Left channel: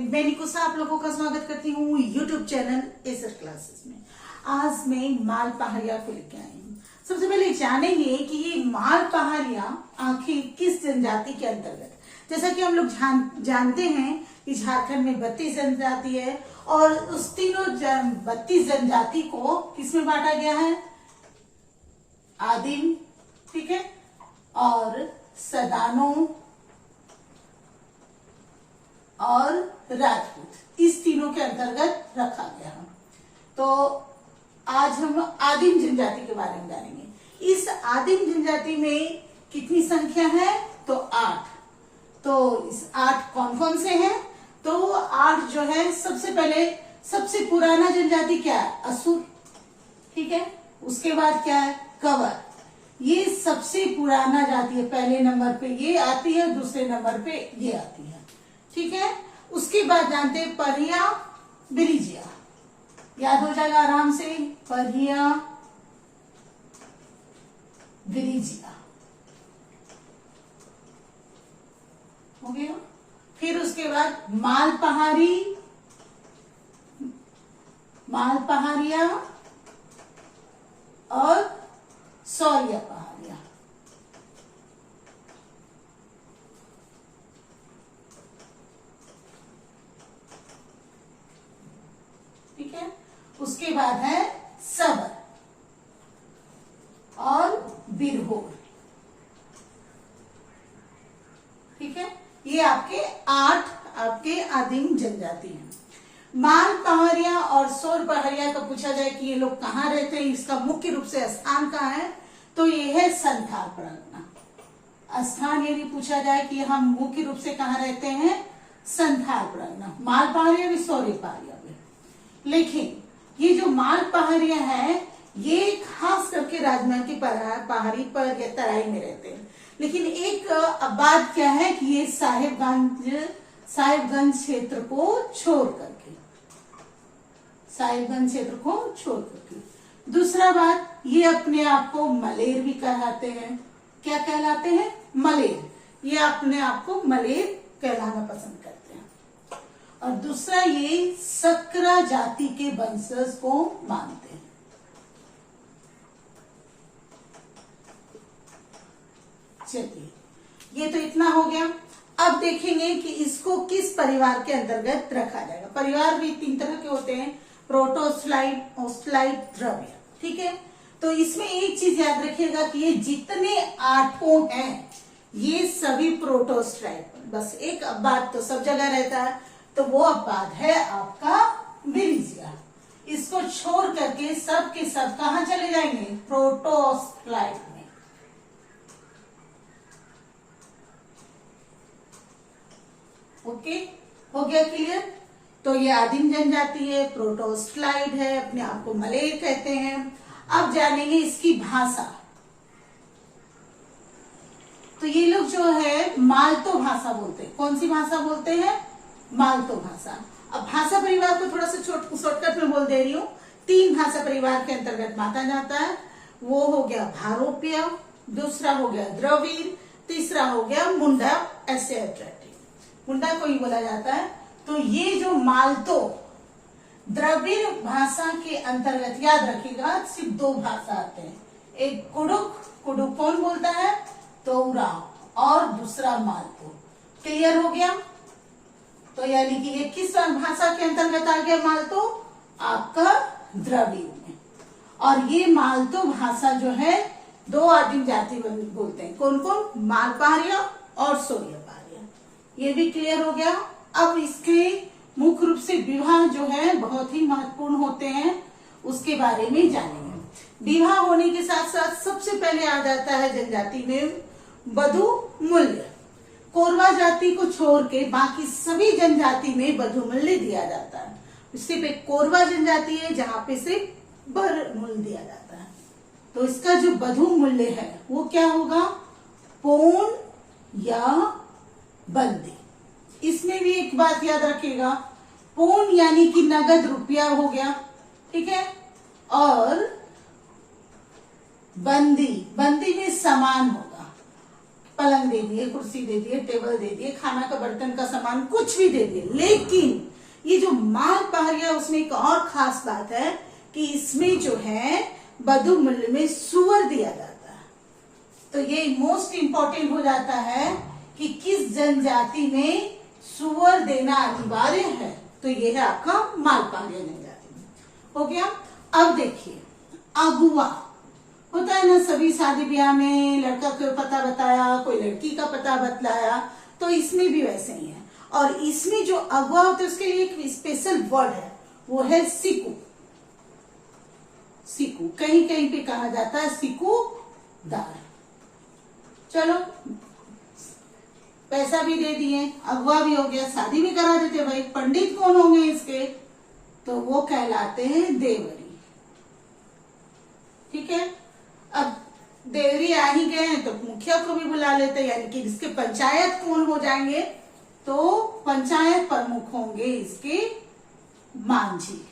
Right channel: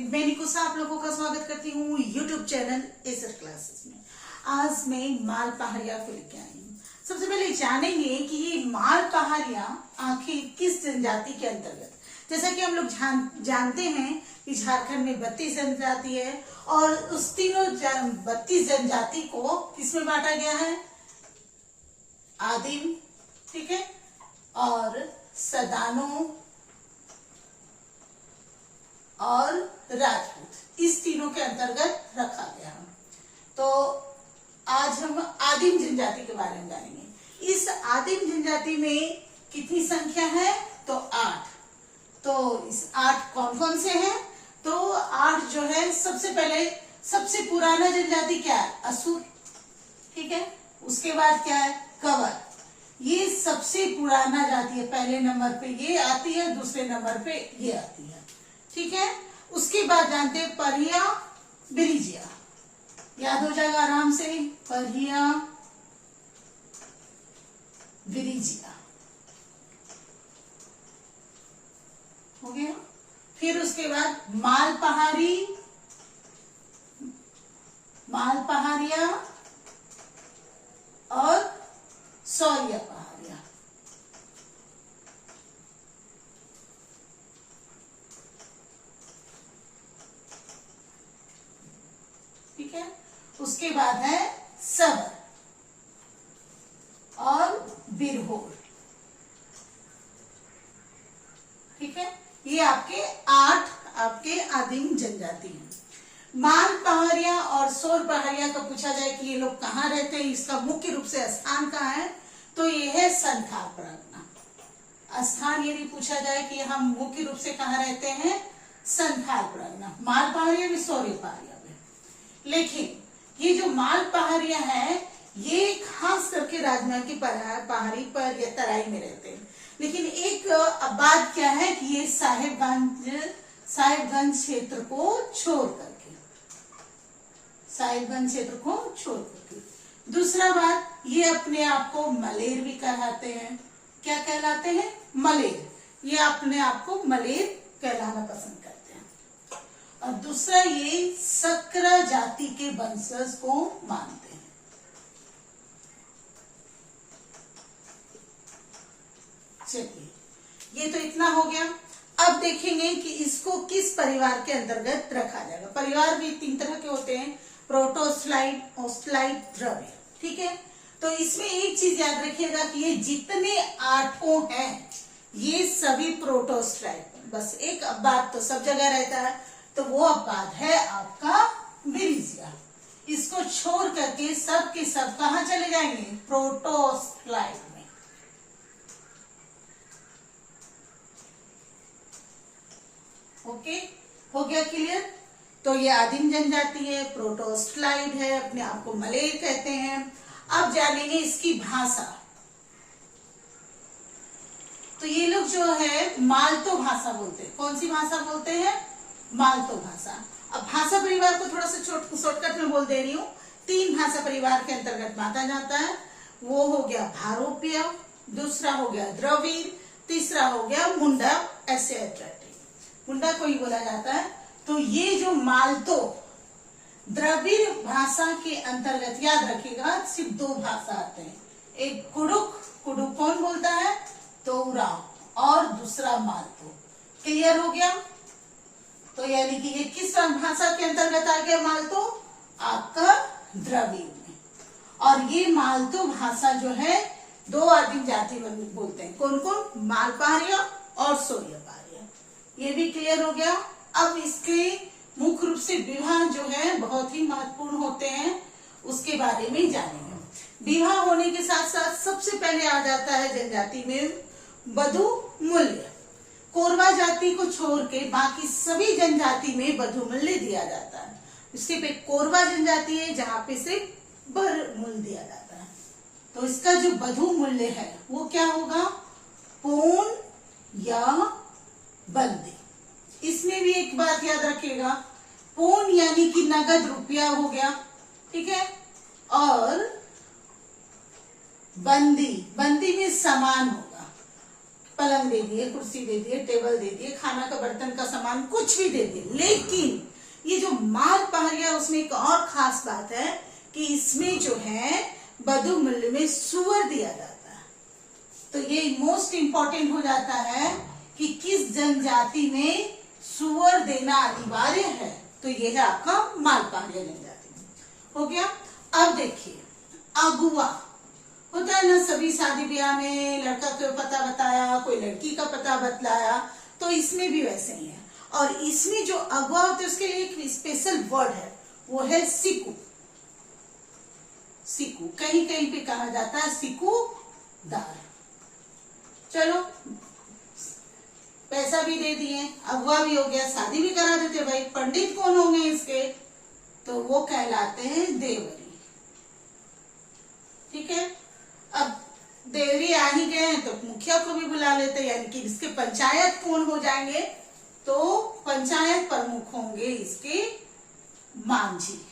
मैं निकुसा आप लोगों का स्वागत करती हूँ यूट्यूब चैनल एसर क्लासेस में। आज मैं माल पहाड़िया को लेके आई हूँ। सबसे पहले जानेंगे कि ये माल पहाड़िया आखिर किस जनजाति के अंतर्गत। जैसा कि हम लोग जानते हैं कि झारखंड में 32 जनजाति है और उस तीनों 32 जनजाति को किसमें बांटा गया है? आदिम, ठीक है, और सदानो और राजपूत, इस तीनों के अंतर्गत रखा गया है। तो आज हम आदिम जनजाति के बारे में जानेंगे। इस आदिम जनजाति में कितनी संख्या है? तो 8। तो इस 8 कौन कौन से हैं? तो 8 जो है, सबसे पहले सबसे पुराना जनजाति क्या है? असुर, ठीक है। उसके बाद क्या है? कंवर, ये सबसे पुराना जाति है। पहले नंबर पे ये आती है, दूसरे नंबर पे ये आती है, ठीक है। उसके बाद जानते हैं परिया बिरिजिया, याद हो जाएगा आराम से, परिया बिरिजिया हो गया। फिर उसके बाद माल पहाड़िया और सौरिया पहाड़िया, ठीक है। उसके बाद है सबर और बिरहोर, ठीक है। ये आपके 8 आपके आदिम जनजाति हैं। माल पहाड़िया और सौर पहाड़िया का पूछा जाए कि ये लोग कहाँ रहते हैं, इसका मुख्य रूप से स्थान कहाँ है, तो ये है संथाल परगना। स्थान यदि पूछा जाए कि हम मुख्य रूप से कहाँ रहते हैं, संथाल परगना, माल पहाड़िया भी सौर्य पहाड़िया भी। लेकिन ये जो माल पहाड़िया है ये खास करके राजमहल की पहाड़ी पर या तराई में रहते हैं। लेकिन एक बात क्या है कि ये साहिबगंज क्षेत्र को छोड़ करके, दूसरा बात, ये अपने आप को मलेर भी कहलाते हैं। क्या कहलाते हैं? मलेर। ये अपने आप को मलेर कहलाना पसंद करते हैं। और दूसरा, ये सकरा जाति के वंशज को मानते हैं। चलिए, ये तो इतना हो गया। अब देखेंगे कि इसको किस परिवार के अंतर्गत रखा जाएगा। परिवार भी 3 तरह के होते हैं, प्रोटोस्लाइड, ओस्लाइड, द्रव्य, ठीक है। तो इसमें एक चीज याद रखिएगा कि ये जितने 8 हैं ये सभी प्रोटोस्लाइड, बस एक बात तो सब जगह रहता है, तो वो बात है आपका बिरिजिया। इसको छोड़ करके सब के सब कहां चले जाएंगे? प्रोटोस्लाइड में। ओके, हो गया क्लियर? तो ये आदिम जनजाति है, प्रोटोस्लाइड है, अपने आप को मलेर कहते हैं। अब जानेंगे इसकी भाषा। तो ये लोग जो है मालतो भाषा बोलते हैं। कौन सी भाषा बोलते हैं? मालतो भाषा। अब भाषा परिवार को थोड़ा सा शॉर्टकट में बोल दे रही हूँ। 3 भाषा परिवार के अंतर्गत माना जाता है। वो हो गया भारोप्य, दूसरा हो गया द्रविड़, तीसरा हो गया मुंडा एसिएट्रेटिक। मुंडा को ही बोला जाता है। तो ये जो मालतो द्रविड़ भाषा के अंतर्गत, याद रखिएगा, सिर्फ 2 भाषा आते हैं। एक कुडुक कौन बोलता है? तो उराव, और दूसरा मालतो। क्लियर हो गया? तो यानी कि ये किस भाषा के अंतर्गत आ गया मालतो? आपका द्रविड़ में। और ये मालतो भाषा जो है 2 आदिम जाति बोलते हैं। कौन कौन? माल पहाड़िया और सौर्य पहाड़िया। ये भी क्लियर हो गया। अब इसके मुख्य रूप से विवाह जो है बहुत ही महत्वपूर्ण होते हैं, उसके बारे में जानेंगे। विवाह होने के साथ साथ सबसे पहले आ जाता है जनजाति में वधु मूल्य। कोरवा जाति को छोड़ के बाकी सभी जनजाति में वधु मूल्य दिया जाता है। सिर्फ एक कोरवा जनजाति है जहाँ पे सिर्फ वर मूल्य दिया जाता है। तो इसका जो वधु मूल्य है वो क्या होगा? पौन या बंदी। इसमें भी एक बात याद रखिएगा, पौन यानी कि नगद रुपया हो गया, ठीक है। और बंदी में सामान होगा। पलंग दे दिए, कुर्सी दे दिए, टेबल दे दिए, खाना का बर्तन का सामान कुछ भी दे दिए। लेकिन ये जो माल पहाड़िया, उसमें एक और खास बात है कि इसमें जो है बधु मूल्य में सुअर दिया जाता है। तो ये मोस्ट इंपॉर्टेंट हो जाता है कि किस जनजाति में सुअर देना अनिवार्य है। तो ये है आपका माल पहाड़िया जनजाति में। हो गया। अब देखिए अगुआ होता है ना, सभी शादी ब्याह में लड़का का पता बताया, कोई लड़की का पता बतलाया, तो इसमें भी वैसे ही है। और इसमें जो अगुआ होता है उसके लिए एक स्पेशल वर्ड है, वो है सिकू। सिकू कहीं कहीं पे कहा जाता है सिकूदार। चलो पैसा भी दे दिए, अगुआ भी हो गया, शादी भी करा देते भाई। पंडित कौन होंगे इसके? तो वो कहलाते हैं देवरी। ठीक है। अब देवरी आ ही गए हैं तो मुखिया को भी बुला लेते हैं, यानी कि इसके पंचायत कौन हो जाएंगे? तो पंचायत प्रमुख होंगे इसके मांझी।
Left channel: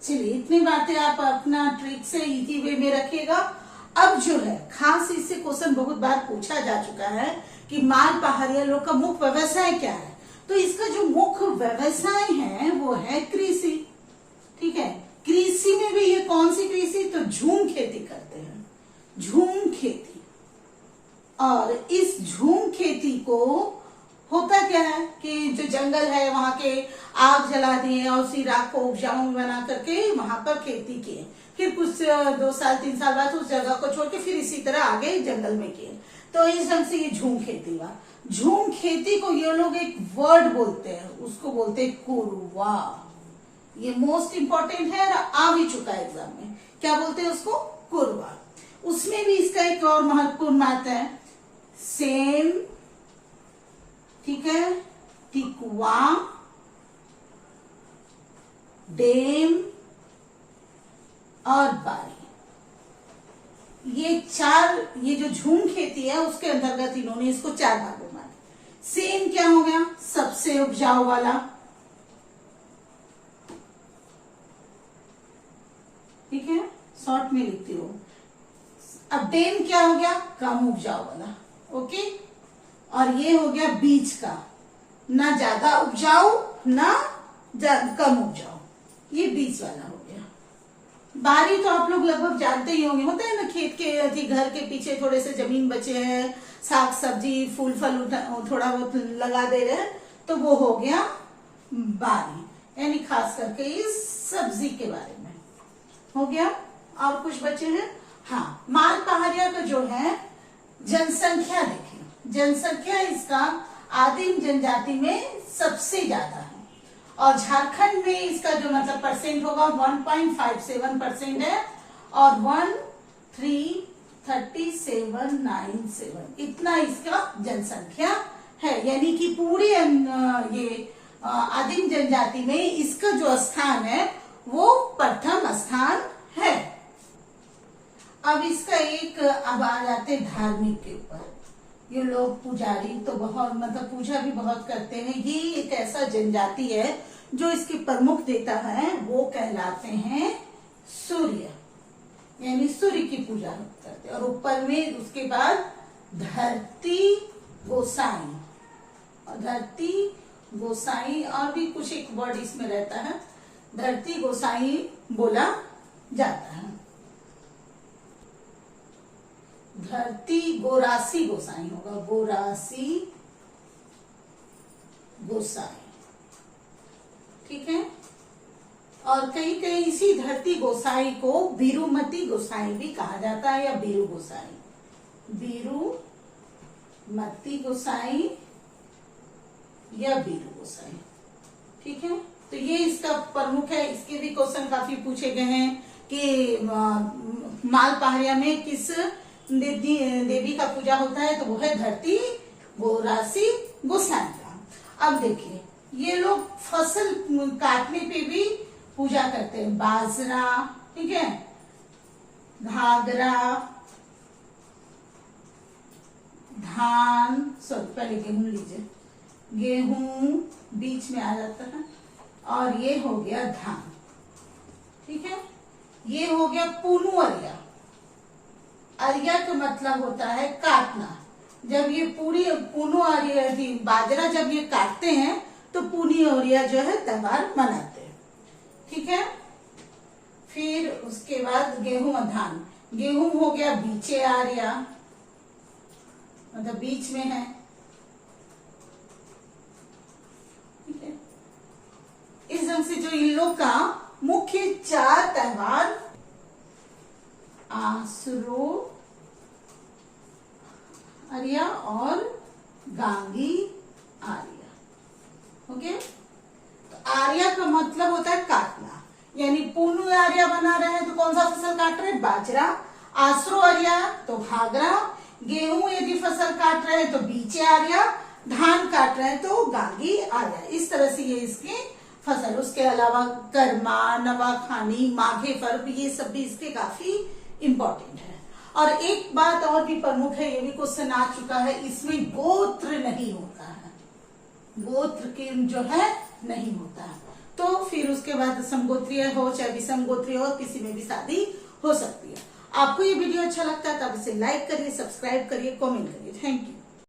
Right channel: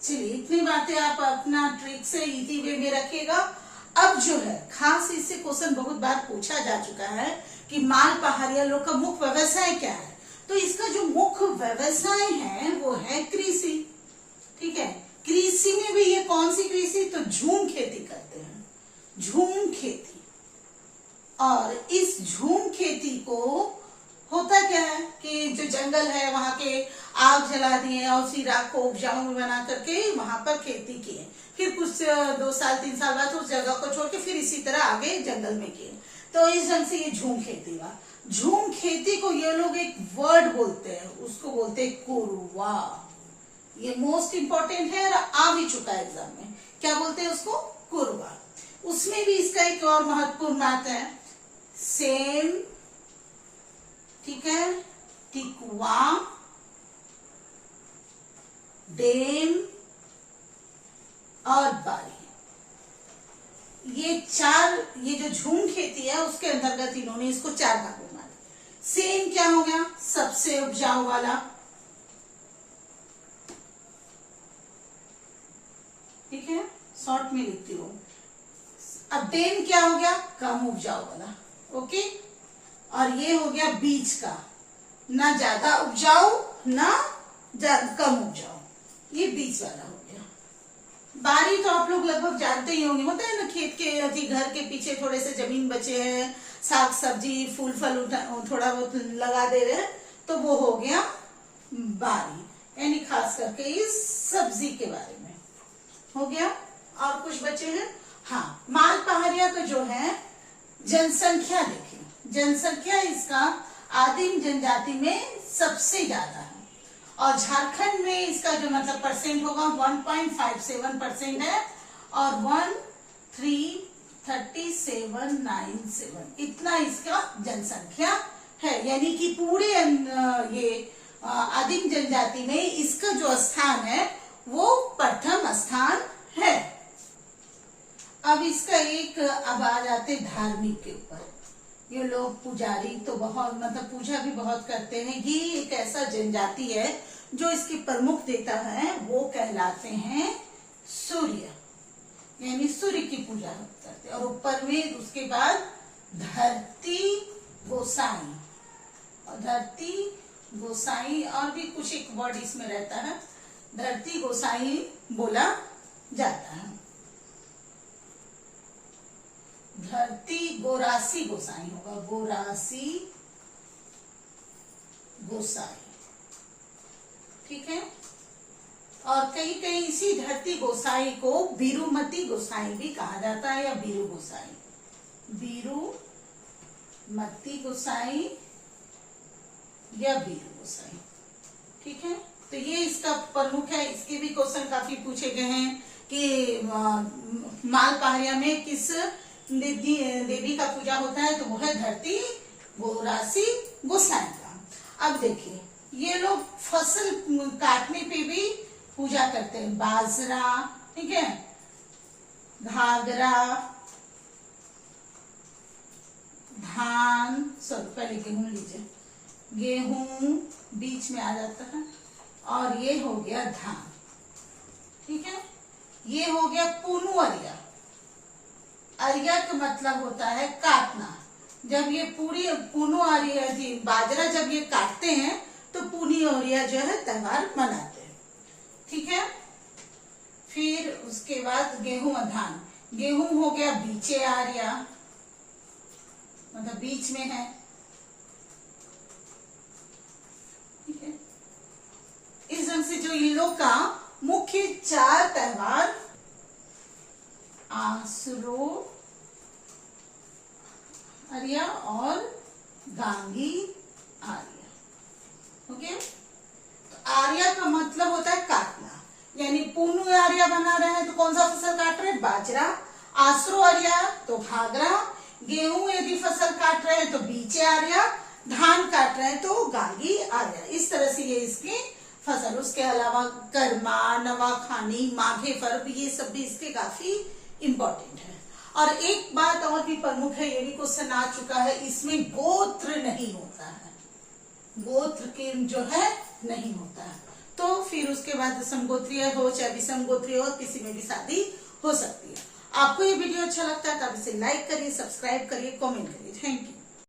चलिए इतनी बातें आप अपना ट्रिक से इजी वे में रखिएगा। अब जो है खास इससे क्वेश्चन बहुत बार पूछा जा चुका है कि माल पहाड़िया लोग का मुख्य व्यवसाय क्या है। तो इसका जो मुख्य व्यवसाय है वो है कृषि। ठीक है। कृषि में भी ये कौन सी कृषि? तो झूम खेती करते हैं, झूम खेती। और इस झूम खेती को होता क्या है कि जो जंगल है वहां के आग जला दिए और उसी राख को उपजाऊ बना करके वहां पर खेती किए। फिर कुछ 2 साल 3 साल बाद उस जगह को छोड़ के फिर इसी तरह आगे जंगल में किए। तो इस ढंग से ये झूम खेती हुआ। झूम खेती को ये लोग एक वर्ड बोलते हैं, उसको बोलते हैं कुरवा। ये मोस्ट इंपॉर्टेंट है और आ भी चुका है एग्जाम में। क्या बोलते हैं उसको? कुरवा। उसमें भी इसका एक और महत्वपूर्ण बात है, सेम, ठीक है, टिकवा, डेम और बारी। ये चार, ये जो झूम खेती है उसके अंतर्गत इन्होंने इसको 4 भागों में बांटा। सेम क्या हो गया? सबसे उपजाऊ वाला। ठीक है, शॉर्ट में लिखती हूँ। अब डेम क्या हो गया? कम उपजाऊ वाला। ओके। और ये हो गया बीच का, ना ज्यादा उपजाऊ ना कम उपजाऊ, ये बीच वाला हो गया। बारी तो आप लोग लगभग जानते ही होंगे, होता है ना खेत के घर के पीछे थोड़े से जमीन बचे हैं, साग सब्जी फूल फल थोड़ा बहुत लगा दे रहे हैं, तो वो हो गया बारी, यानी खास करके इस सब्जी के बारे में हो गया। और कुछ बचे हैं। हाँ, माल पहाड़िया का जो है जनसंख्या देखिए, जनसंख्या इसका आदिम जनजाति में सबसे ज्यादा है। और झारखंड में इसका जो मतलब परसेंट होगा 1.57% है और 1,33797 इतना इसका जनसंख्या है। यानी कि पूरे ये आदिम जनजाति में इसका जो स्थान है वो प्रथम स्थान है। अब इसका एक, अब आ जाते धार्मिक के ऊपर। ये लोग पुजारी तो बहुत मतलब पूजा भी बहुत करते हैं। ये एक ऐसा जनजाति है जो इसके प्रमुख देवता है वो कहलाते हैं सूर्य, यानी सूर्य की पूजा करते हैं। और ऊपर में उसके बाद धरती गोसाई, और धरती गोसाई और भी कुछ एक वर्ड इसमें रहता है, धरती गोसाई बोला जाता है। धरती गोरासी गोसाई होगा, गोरासी गोसाई। ठीक है। और कहीं कहीं इसी धरती गोसाई को बीरूमती गोसाई भी कहा जाता है, या बीरू गोसाई, बीरूमती गोसाई या बीरू गोसाई। ठीक है। तो ये इसका प्रमुख है। इसके भी क्वेश्चन काफी पूछे गए हैं कि माल पहाड़िया में किस देवी का पूजा होता है, तो वो है धरती गोरासी गोसाई का। अब देखिए ये लोग फसल काटने पे भी पूजा करते हैं। बाजरा, ठीक है, घाघरा, धान, सब पहले गेहूं लीजिए, गेहूं बीच में आ जाता है, और ये हो गया धान। ठीक है। ये हो गया पुनु अरिया। अरिया का मतलब होता है काटना। जब ये पूरी पुनु अरिया बाजरा जब ये काटते हैं तो पुनी अरिया जो है त्योहार मनाते हैं। ठीक है। फिर उसके बाद गेहूं धान। गेहूं हो गया बीचे आर्या, मतलब बीच में है। ठीक है। इस ढंग से जो इन लोग का मुख्य 4 त्योहार आसरो आर्या और गांगी आर्या। ओके। तो आर्या का मतलब होता है काटना, यानी पुनु आर्या बना रहे हैं तो कौन सा फसल काट रहे हैं? बाजरा। आसरो आर्या तो घाघरा। गेहूं यदि फसल काट रहे हैं तो बीचे आर्या। धान काट रहे हैं तो गांगी आर्या। इस तरह से ये इसकी फसल। उसके अलावा कर्मा, नवाखानी, माघे पर्व, ये सब भी इसके काफी इंपॉर्टेंट है। और एक बात और भी प्रमुख है, ये भी क्वेश्चन आ चुका है, इसमें गोत्र नहीं होता है। गोत्र के जो है नहीं होता है। तो फिर उसके बाद समगोत्रीय हो चाहे विषमगोत्रीय हो, किसी में भी शादी हो सकती है। आपको ये वीडियो अच्छा लगता है तो आप इसे लाइक करिए, सब्सक्राइब करिए, कमेंट करिए। Thank you.